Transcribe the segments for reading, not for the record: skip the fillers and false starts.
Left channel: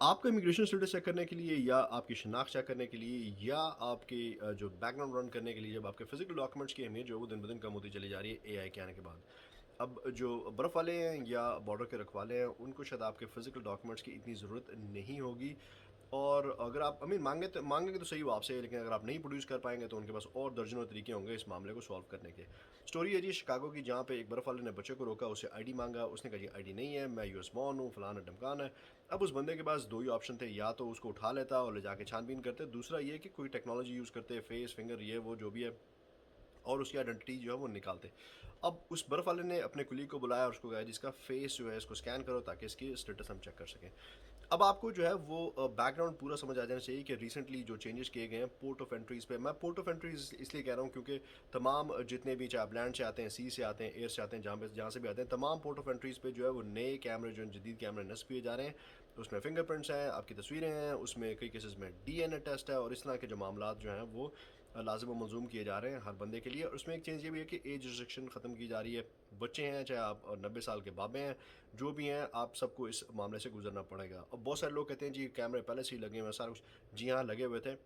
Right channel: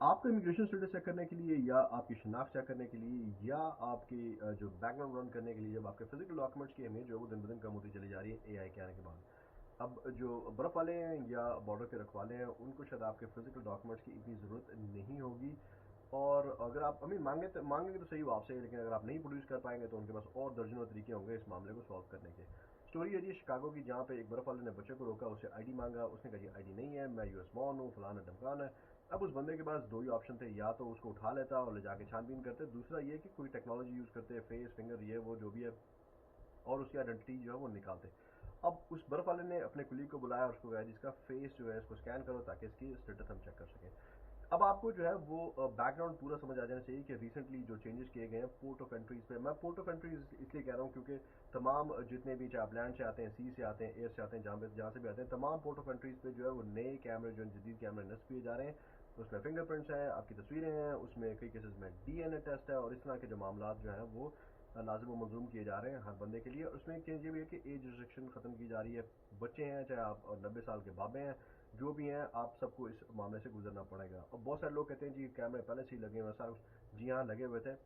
आपका immigration status check करने के लिए या आपकी शिनाख्त चेक करने के लिए या आपके जो बैकग्राउंड रन करने के लिए जब आपके फिजिकल डॉक्यूमेंट्स की अहमियत जो है वो दिन ब दिन कम होती चली जा रही है एआई के आने के बाद। अब जो बर्फ़ वाले हैं या बॉर्डर के रखवाले हैं उनको शायद आपके फिजिकल डॉक्यूमेंट्स की इतनी ज़रूरत नहीं होगी। और अगर आप आई मीन माँगेंगे तो सही वो आपसे, लेकिन अगर आप नहीं प्रोड्यूस कर पाएँगे तो उनके पास और दर्जनों तरीके होंगे इस मामले को सॉल्व करने के। स्टोरी है जी शिकागो की, जहाँ पे एक बर्फ़ वाले ने बच्चे को रोका, उससे आईडी माँगा, उसने कहा जी आईडी नहीं है, मैं यूएस बॉर्न हूँ, फलाना-ढिमकाना है। अब उस बंदे के पास 2 ही ऑप्शन थे, या तो उसको उठा लेता और ले जाके छानबीन करते, दूसरा ये कि कोई टेक्नोलॉजी यूज़ करते, फेस, फिंगर, ये वो जो भी है, और उसकी आइडेंटिटी जो है वो निकालते। अब उस बर्फ़ वाले ने अपने कुलीग को बुलाया और उसको कहा जी इसका फेस जो है इसको स्कैन करो ताकि इसकी स्टेटस हम चेक कर सकें। अब आपको जो है वो बैकग्राउंड पूरा समझ आ जाना चाहिए कि रिसेंटली जो चेंजेस किए गए हैं पोर्ट ऑफ एंट्रीज़ पे। मैं पोर्ट ऑफ एंट्रीज़ इसलिए कह रहा हूँ क्योंकि तमाम जितने भी, चाहे आप लैंड से आते हैं, सी से आते हैं, एयर से आते हैं, जहाँ से भी आते हैं, तमाम पोर्ट ऑफ एंट्रीज़ पे जो है वो नए कैमरे, जो जदीद कैमरे नस्ब किए जा रहे हैं। उसमें फिंगरप्रिंट्स हैं, आपकी तस्वीरें हैं, उसमें कई केसेस में डीएनए टेस्ट है, और इस तरह के जो मामलात जो हैं वो लाजिम व मलजूम किए जा रहे हैं हर बंदे के लिए। और उसमें एक चीज़ ये भी है कि एज रिस्ट्रिक्शन ख़त्म की जा रही है। बच्चे हैं, चाहे आप 90 साल के बाबे हैं, जो भी हैं, आप सबको इस मामले से गुजरना पड़ेगा। और बहुत सारे लोग कहते हैं जी कैमरे पहले से ही लगे हुए हैं, सारा कुछ। जी हाँ, लगे हुए थे।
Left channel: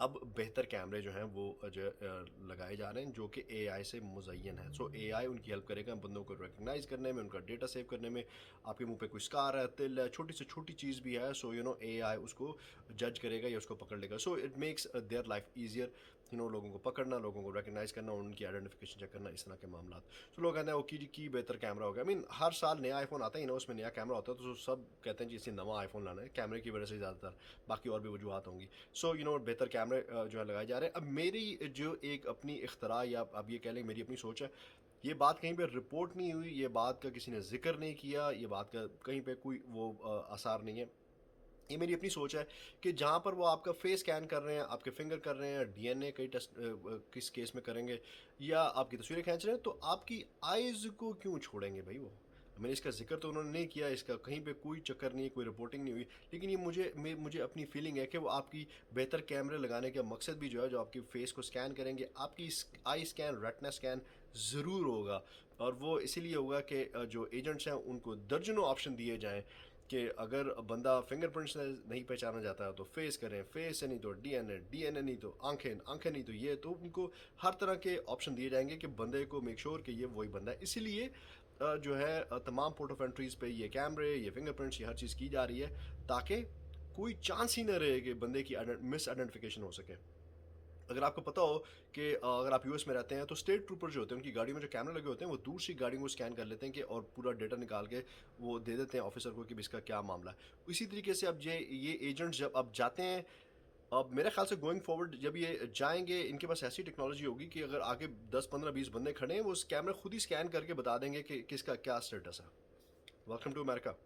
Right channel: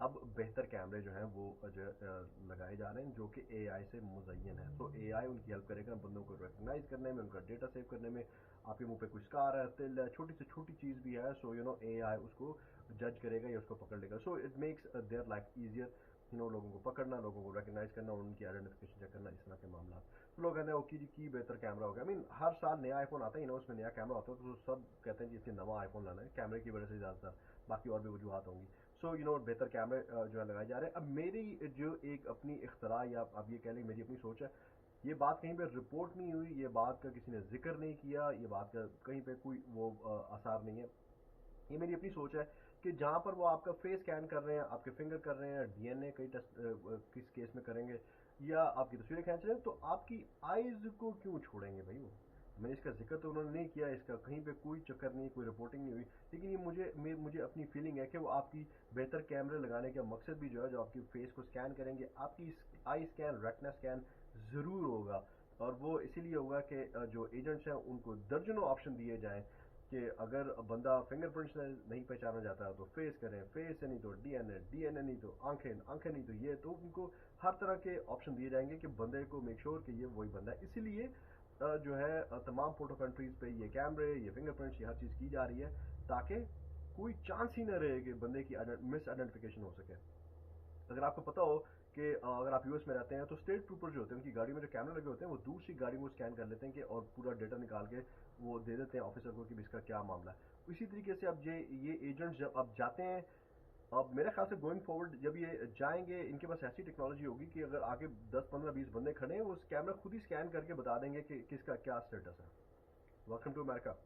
अब बेहतर कैमरे जो हैं वो जो है लगाए जा रहे हैं जो कि एआई से मुज़य्यन है। सो एआई उनकी हेल्प करेगा बंदों को रिकग्नाइज़ करने में, उनका डेटा सेव करने में। आपके मुंह पे कोई स्कार है, तिल है, छोटी से छोटी चीज़ भी है, सो एआई उसको जज करेगा या उसको पकड़ लेगा। So it makes their life easier. लोगों को पकड़ना, लोगों को रिकग्नाइज़ करना, उनकी आइडेंटिफिकेशन चेक करना, इस तरह के मामला। तो लोग कहते हैं वो की बेहतर कैमरा हो गया। आई मीन हर साल नया आईफोन आता ही ना, उसमें नया कैमरा होता है, तो सब कहते हैं जी इसे नवा आईफोन लाना है कैमरे की वजह से ज़्यादातर। बाकी और भी वजूहत होंगी। सो बेहतर कैमरे जो है लगाए जा रहे हैं। अब मेरी जो एक अपनी इख्तरा, या आप ये कह लें मेरी अपनी सोच है, ये बात कहीं पे रिपोर्ट नहीं हुई, ये बात का किसी ने जिक्र नहीं किया, ये बात का कहीं पे कोई वो आसार नहीं है। ये मेरी अपनी सोच है कि जहाँ पर वो आपका फेस स्कैन कर रहे हैं, आपके फिंगर कर रहे हैं, डीएनए कई टेस्ट किस केस में करेंगे, या आपकी तस्वीरें खींच रहे हैं, तो आपकी आइज़ को क्यों छोड़ेंगे भाई वो? मैंने इसका ज़िक्र तो उन्होंने नहीं किया, इसका कहीं पे कोई चक्कर नहीं, कोई रिपोर्टिंग नहीं हुई। लेकिन ये मुझे अपनी फीलिंग है कि वो आपकी बेहतर कैमरे लगाने का मकसद भी जो है, जो आपकी फ़ेस को स्कैन करेंगे, आपकी आई स्कैन, रेटिना स्कैन ज़रूर होगा। और वो इसीलिए होगा कि जो एजेंट्स हैं उनको दर्जनों ऑप्शन दिए जाएँ कि अगर बंदा फिंगरप्रिंट से नहीं पहचाना जाता है तो फेस करें, फेस से नहीं तो डीएनए, डीएनए नहीं तो आंखें, आंखें नहीं तो ये, तो उनको हर तरह के ऑप्शन दिए जाएंगे कि बंदे को मेक श्योर कि ये वही बंदा है। इसीलिए जो है तमाम पोर्ट ऑफ एंट्रीज पे ये कैमरे, ये फिंगरप्रिंट्स, ये हर चीज़ की जा रही है ताकि कोई चांस ही ना रहे कि बंदे की मिस आइडेंटिफिकेशन हो सके। अगर आपको पता हो कि अगर आप यूएस में रहते हैं तो स्टेट ट्रूपर जो होते हैं उनकी गाड़ी में जो कैमरे लगे होते हैं वो दूर से गाड़ी को स्कैन कर लेते हैं कि, और पूरा डेटा निकाल के वो दे देते हैं ऑफिसर को कि इसका क्या मामला है। इसी तरीके से अब ये एजेंट्स जब अब जाते हैं, अब मेरे ख्याल से गोइंग फॉरवर्ड जब ये जाएंगे, इनके पास ऐसी टेक्नोलॉजी होगी कि अगर आगे 10 15 20 बंदे खड़े हैं, वो कैमरे खुद ही स्कैन करके बता देंगे कि किसका क्या स्टेटस है। Welcome to America.